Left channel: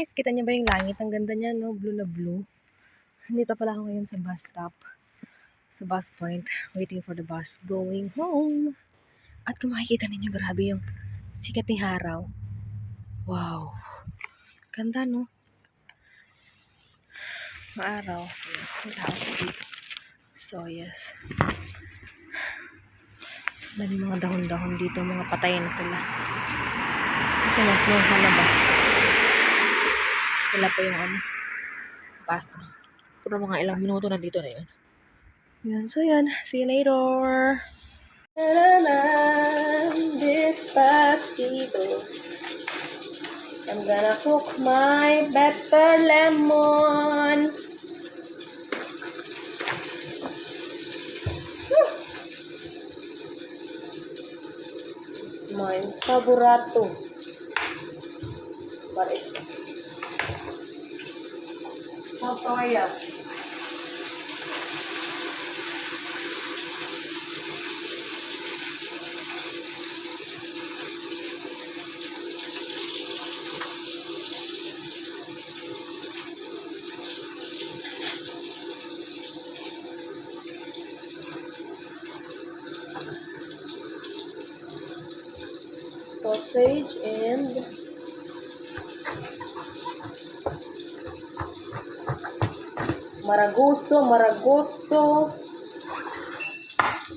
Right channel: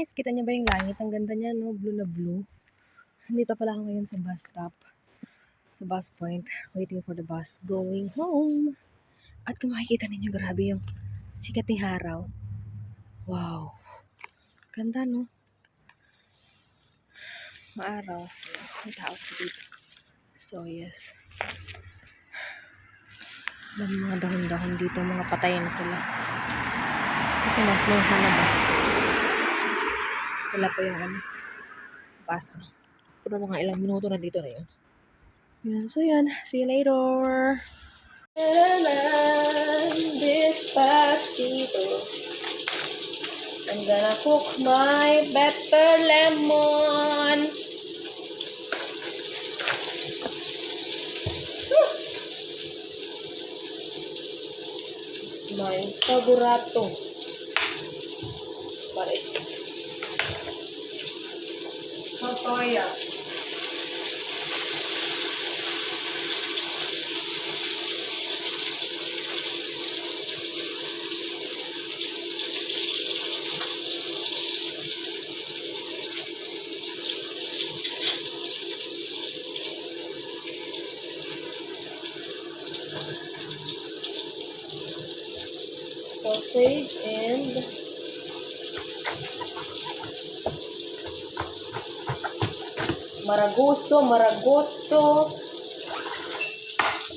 guys, kita niyo ba yung langit? Ang ganda niya, no? Blue na blue. Dito pala ako ngayon sa bus stop. Sa bus point. Waiting for the bus. Going home. At kung makikita ninyo, grabe yung sikat ni Haraw. Wow. Ganda, no? Maaraw. May tao dito. So, yes. Dami mga dahon-dahon dito. Mga patay na sila. Kasi na-snowhan na ba? Wala pa yung bus. Pero mga ilang minuto na dito na yun. Yun, so yun. See you later. Despacito. I'm gonna cook my pepper lemon. My favorito. Pare. Papaya. Sausage and maragoso.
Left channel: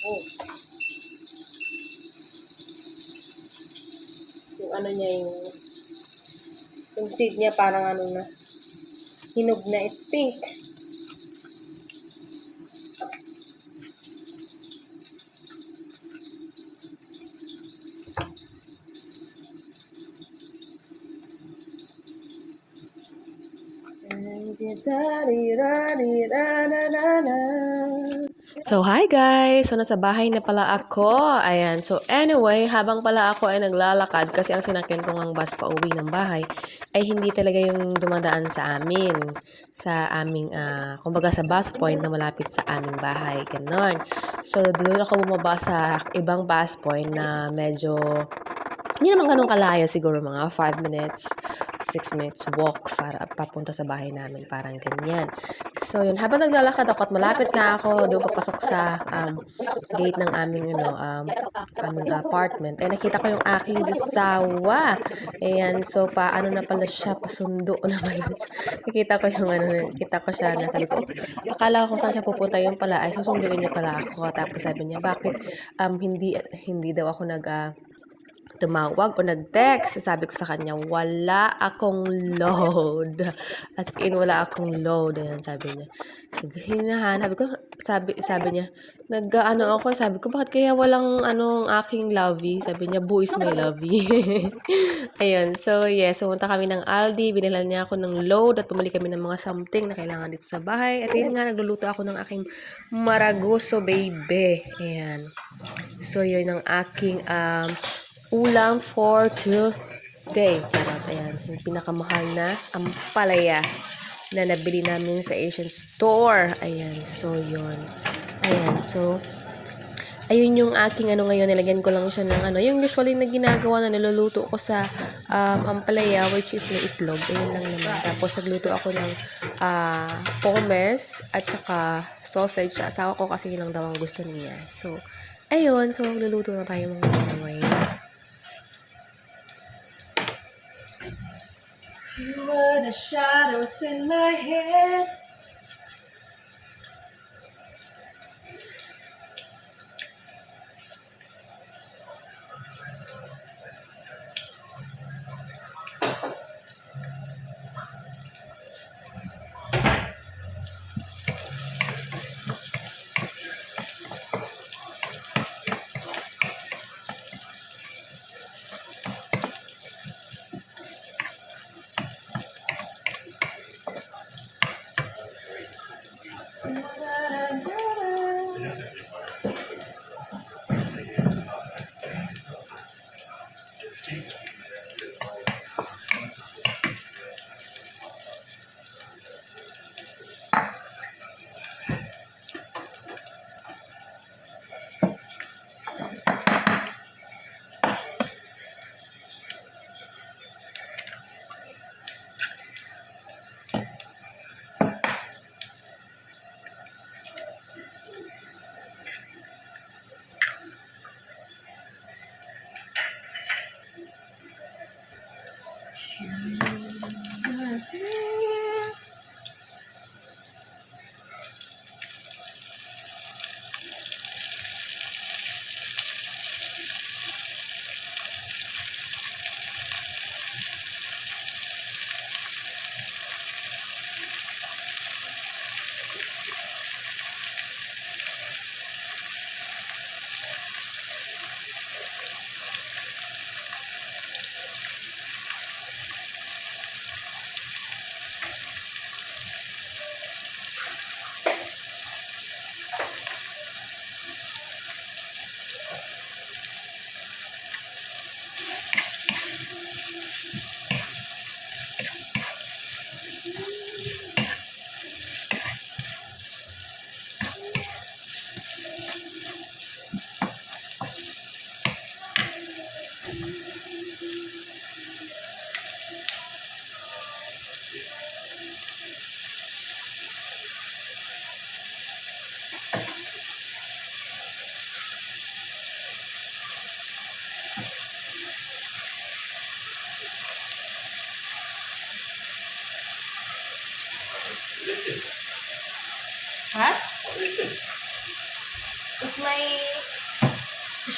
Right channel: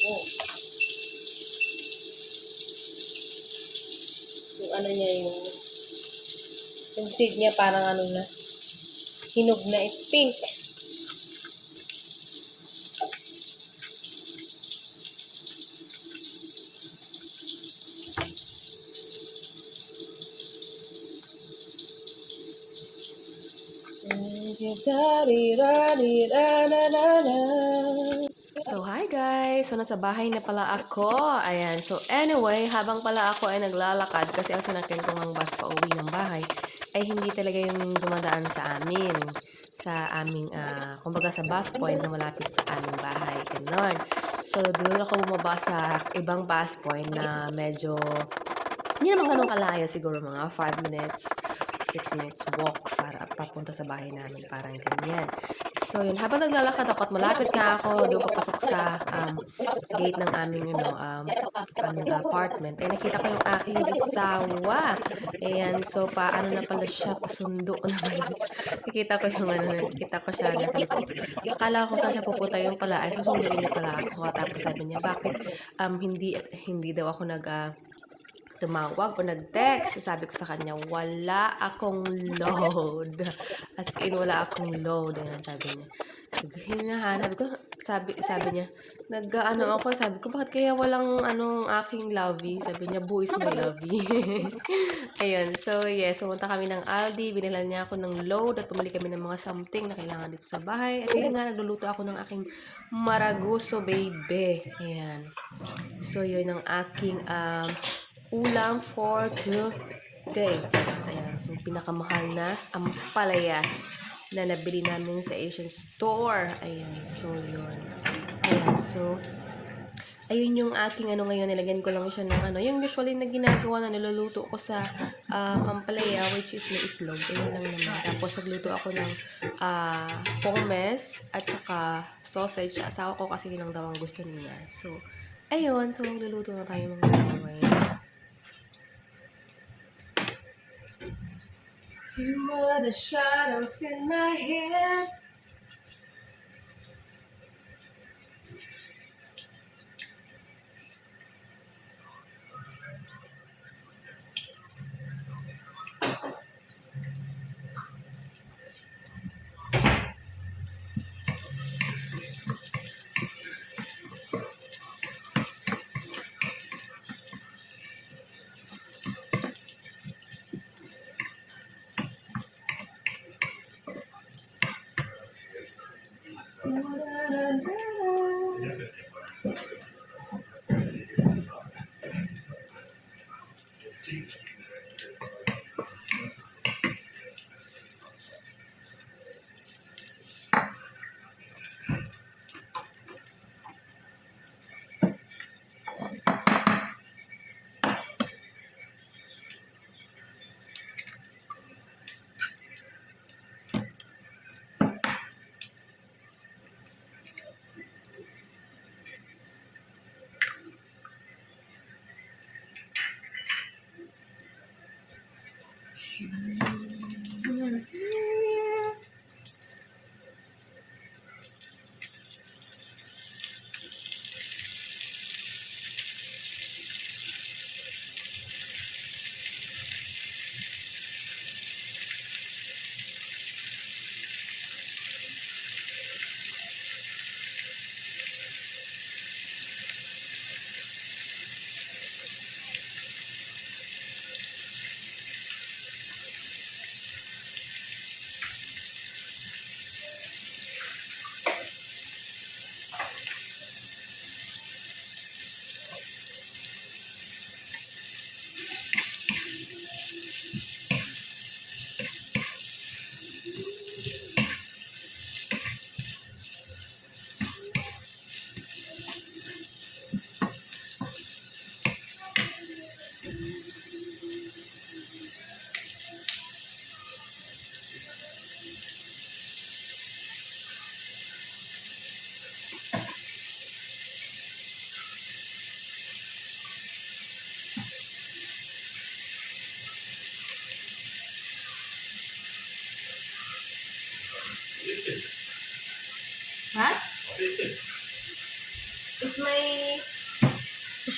Oh. Yung ano niya, yung seed niya parang ano na, hinog na, it's pink. So, hi guys! So, nasa bahay na pala ako. Ayan. So, anyway, habang pala ako ay naglalakad kasi ang sinakyan ko ng bus pa uwi ng bahay ay hindi talaga yung dumadaan sa amin. Sa aming, kumbaga sa bus point na malapit sa aming bahay. Ganon. So, doon ako bumaba sa ibang bus point na medyo hindi naman ganun kalayo, siguro mga 5 minutes, 6 minutes walk para papunta sa bahay namin, parang ganyan. So, yun, habang naglalakad ako at malapit na ako doon papasok sa gate ng aming, aming apartment, ay nakita ko yung aking Asawa. Ayan, so paano na pala siya, pasundo na pala siya. Nakita ko yung nakita ko siya na sabi ko, akala ko saan siya pupunta, yung pala ay susunduin niya pala ako. Tapos sabi niya, bakit hindi daw ako tumawag o nag-text. Sabi ko sa kanya, wala akong load. As in, wala akong load. Ayan, sabi niya. Hinahanap ko, sabi niya, ako, sabi ko, bakit kaya walang aking lovey? Sabi niya, Boo is my lovey. Ayun, so yes, pumunta kami ng Aldi, binilan niya ako ng load at bumili kami ng mga something na kailangan dito sa bahay. At yun nga, nagluluto ako ng aking maragoso baby. Ayan. So, yun ang aking ulam for today. Ayan, yung pinakamahal na Ampalaya na nabili namin sa Asian store. Ayan, so yun. Ayan, so ayun yung aking ngayon, nilagyan ko lang siya ng yung usually na ginagawa na niluluto ko sa Ampalaya, which is may itlog. Ayun lang naman. Tapos nagluto ako ng pomes at saka sausage. Asawa ko kasi yun lang daw ang gusto niya. So, ayun. So, magluluto na tayo mga ngayon. You were the shadows in my head.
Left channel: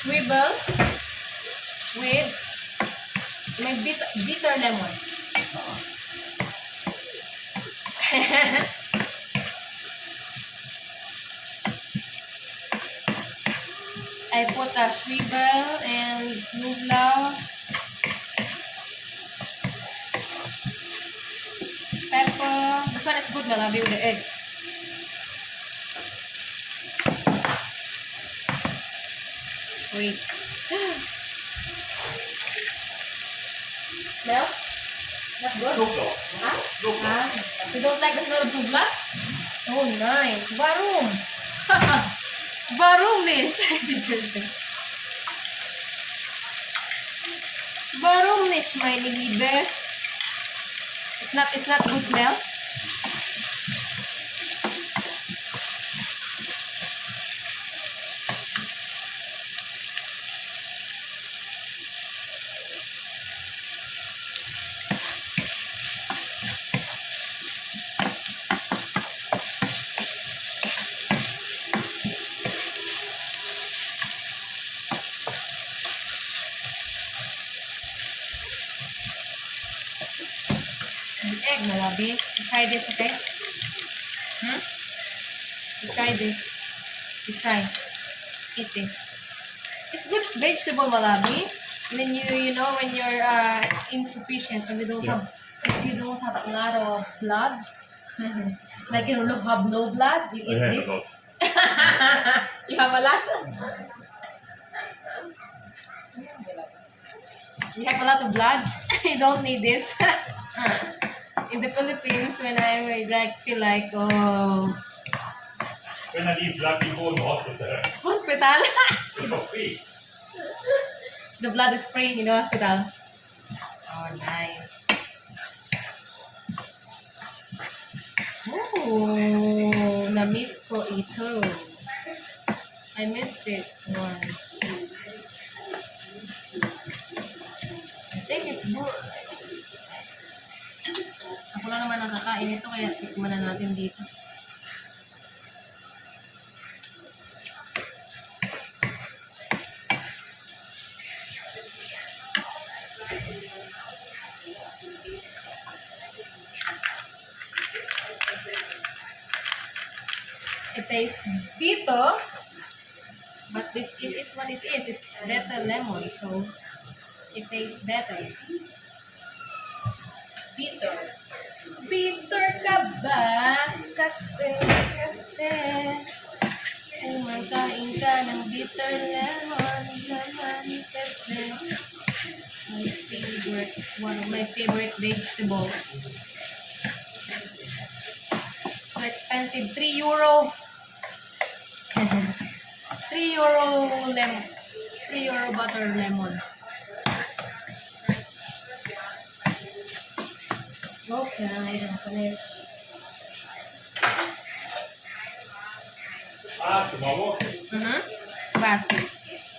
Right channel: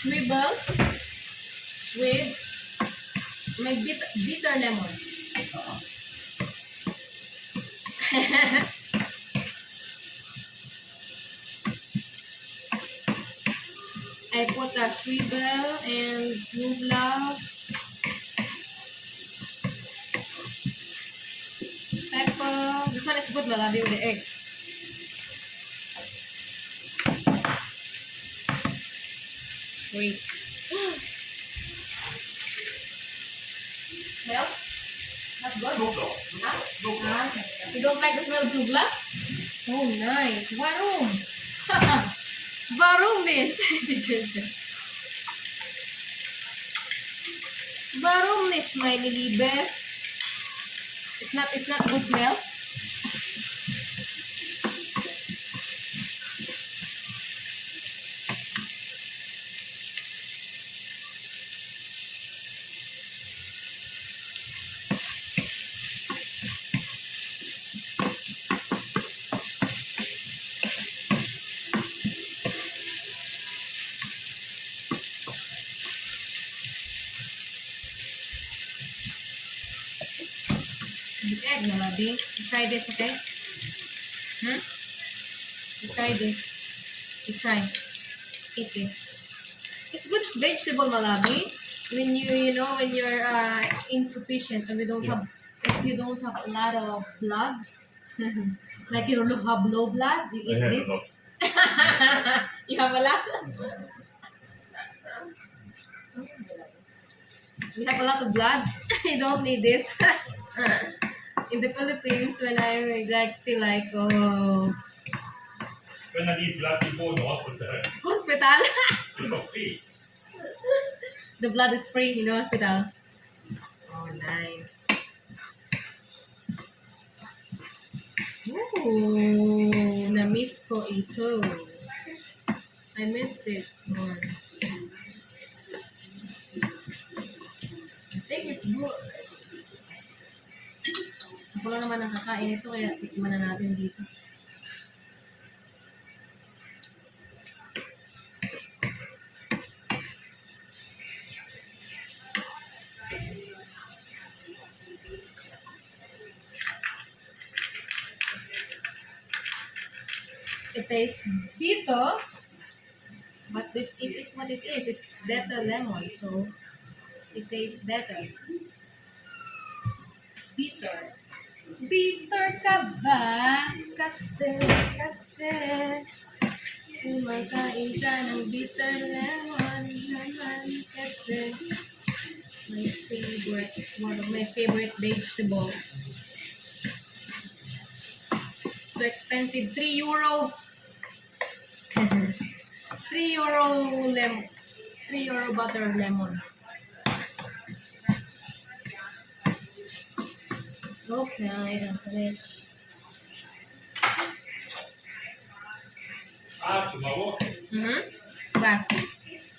swivel with my bitter lemon. I put a swivel and nubla, pepper. This one is good, malabi with the egg. Wait. Smell? Not good? Huh? You don't like the smell of nubla? Oh, nice. Warum? Warum nicht? Warum nicht, meine Liebe? It's not good smell. With egg, malabi. You try this, okay? You try this. You try. Eat this. It's good vegetable, malabi. When when you're insufficient and if you don't have a lot of blood, like you don't have no blood, you eat this. You have a lot. You have a lot of blood. You don't need this. In the Philippines, when I feel like, oh, when I need blood, you go to hospital. Hospital? It's for free. The blood is free in the hospital. Oh, nice. Oh, na-miss ko ito. I missed this one. I think it's good. Ako lang naman nakakain ito, kaya tikman na natin dito. It tastes bitter, but it is what it is. It's better lemon, so it tastes better. Bitter. Bitter ka ba? Kasi may kain ka ng bitter lemon naman kasi one of my favorite vegetables. So expensive, €3. €3 butter lemon. Okay, I'm finished. Tomorrow? Basi.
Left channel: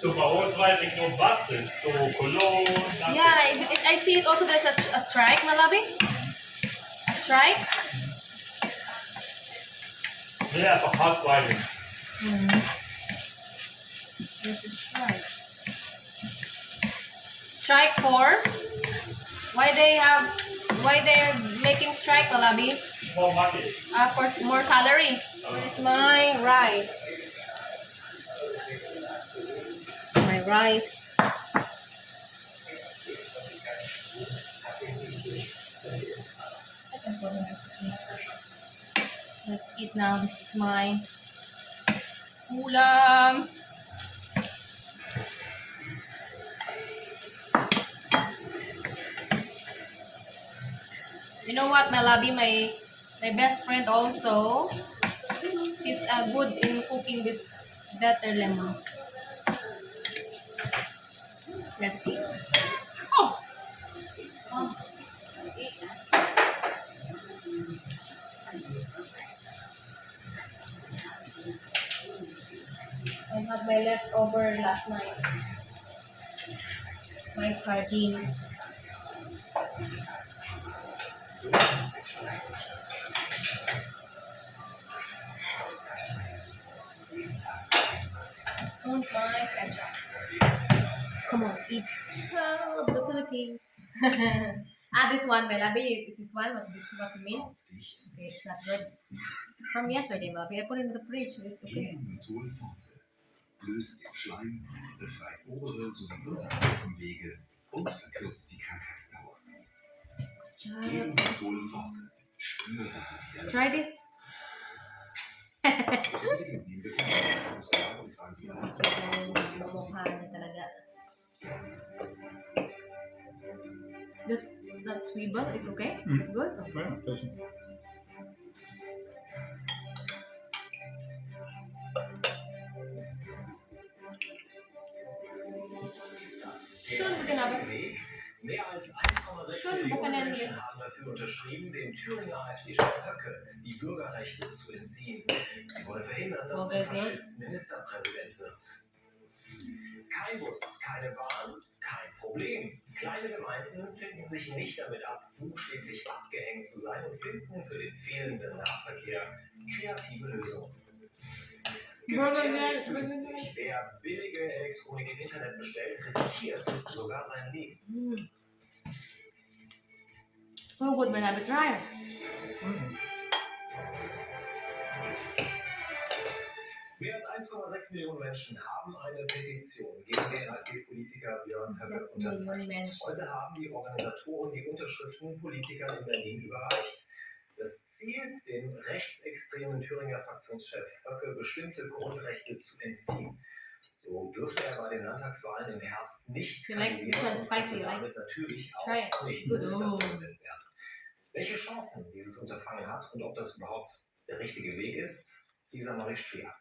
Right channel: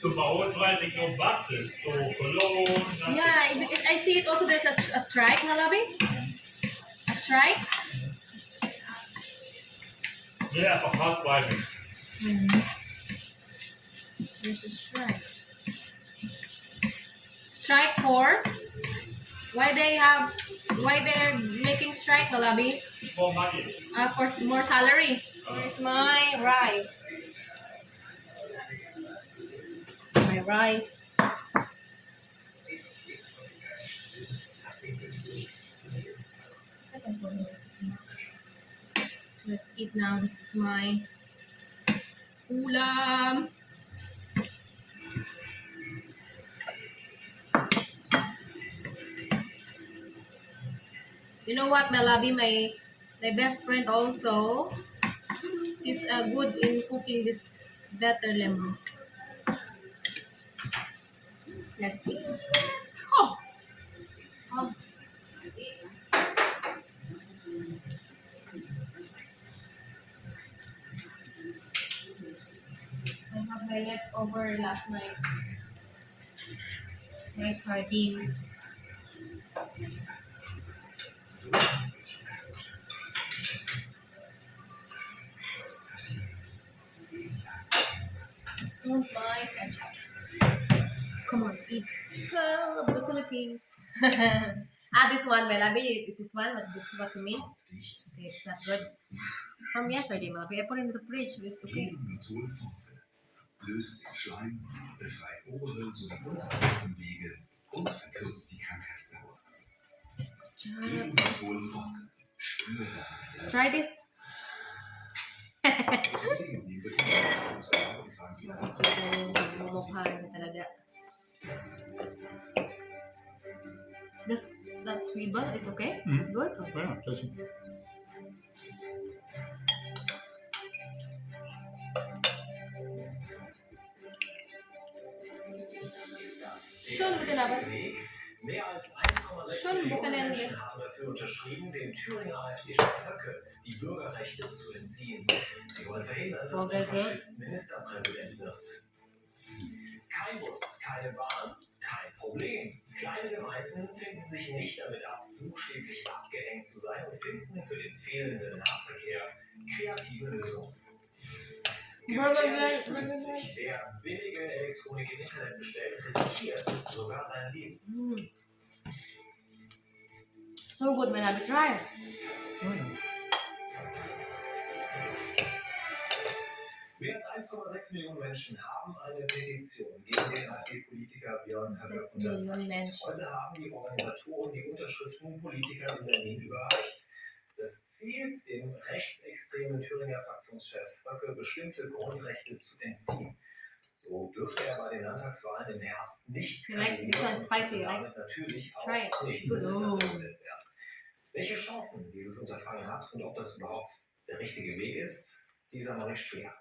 Tomorrow try to go buses to Cologne. Yeah, I see it also. There's a strike, Malabi. A strike. Yeah, for hot driving. There's a strike. Strike for? Why they're making strike, Malabi? More money. For more salary. Where's my rice? My rice. Let's eat now. This is my ulam. You know what, Malabi? My best friend also. She's good in cooking this better lemon. Let's see. Oh. I had my leftover last night. My sardines. And my ketchup. eat pearl of the Philippines. This one, Malabi, is this one? This is what you mean? Okay, it's not good. It's from yesterday, Malabi. I put it in the fridge, so it's okay. Löst den Schleim, befreit obere sowie untere Atemwege und verkürzt die Krankheitsdauer. Genmetholforte. Spüre. Try this. Mukha na talaga. That swivel is okay? It's good? Okay. Ja, gleich. Schön, guten Abend. Mehr als 1,6 Millionen Menschen haben dafür unterschrieben, dem Thüringer AfD-Chef Höcke die Bürgerrechte zu entziehen. Sie wollen verhindern, dass der Faschist Ministerpräsident wird. Kein Bus, keine Bahn, kein Problem. Kleine Gemeinden finden sich nicht damit ab, buchstäblich abgehängt zu sein und finden für den fehlenden Nahverkehr kreative Lösungen. Gefährlich günstig. Wer billige Elektronik im Internet bestellt, riskiert sogar sein Leben. So good, man. I will try. Mehr als 1,6 Millionen Menschen haben eine Petition gegen den AfD-Politiker Björn Höcke unterzeichnet. Heute haben die Organisatoren die Unterschriften Politikern in Berlin überreicht. Das Ziel, dem rechtsextremen Thüringer Fraktionschef Höcke bestimmte Grundrechte zu entziehen. So dürfte er bei den Landtagswahlen im Herbst nicht kandidieren und damit natürlich auch nicht Ministerpräsident werden. Welche Chancen dieses Unterfangen hat und ob das überhaupt der richtige Weg ist, dieser Marie Strier.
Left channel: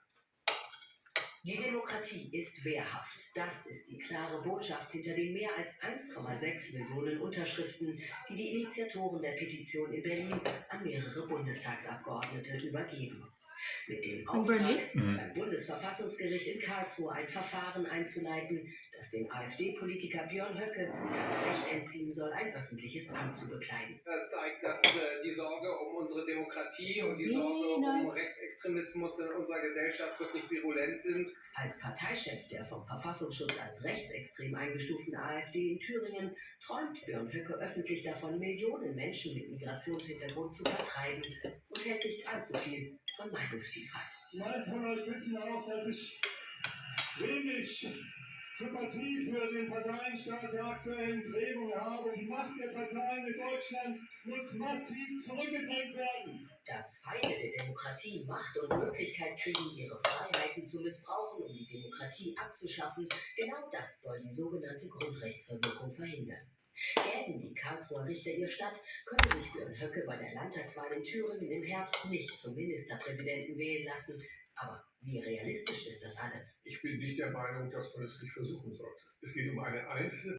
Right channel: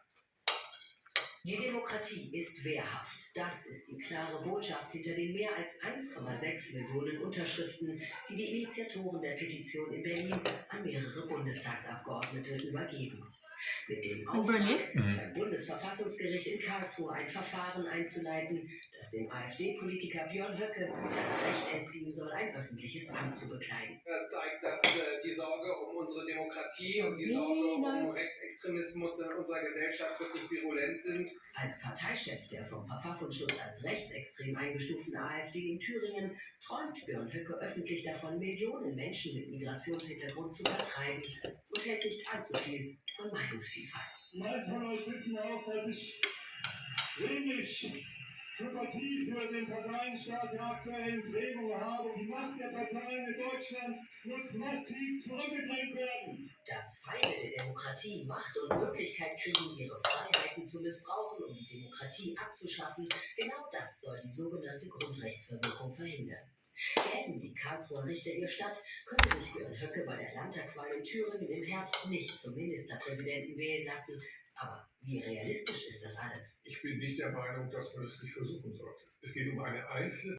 Die Demokratie ist wehrhaft. Das ist die klare Botschaft hinter den mehr als 1,6 Millionen Unterschriften, die die Initiatoren der Petition in Berlin an mehrere Bundestagsabgeordnete übergeben. Mit dem Auftrag, beim Bundesverfassungsgericht in Karlsruhe ein Verfahren einzuleiten, das dem AfD-Politiker Björn Höcke das Recht entziehen soll, ein öffentliches Amt zu bekleiden. Das zeigt, dass die Sorge um unsere Demokratie und die Sorge um Rechtsextremismus in unserer Gesellschaft wirklich virulent sind. Als Parteichef der vom Verfassungsschutz als rechtsextrem eingestuften AfD in Thüringen träumt Björn Höcke öffentlich davon, Millionen Menschen mit Migrationshintergrund zu vertreiben und hält nicht allzu viel von Meinungsvielfalt. Die meisten von euch wissen auch, dass ich wenig Sympathie für den Parteienstaat der aktuellen Prägung habe. Die Macht der Parteien in Deutschland muss massiv zurückgedrängt werden. Dass Feinde der Demokratie Macht und Möglichkeit kriegen, ihre Freiheiten zu missbrauchen, um die Demokratie abzuschaffen, genau das soll die sogenannte Grundrechtsverwirkung verhindern. Gäben die Karlsruher Richter ihr statt, könnte sich Björn Höcke bei der Landtagswahl in Thüringen im Herbst nicht zum Ministerpräsidenten wählen lassen. Aber wie realistisch ist das alles? Ich bin nicht der Meinung, dass man es nicht versuchen sollte. Es geht um eine einzelne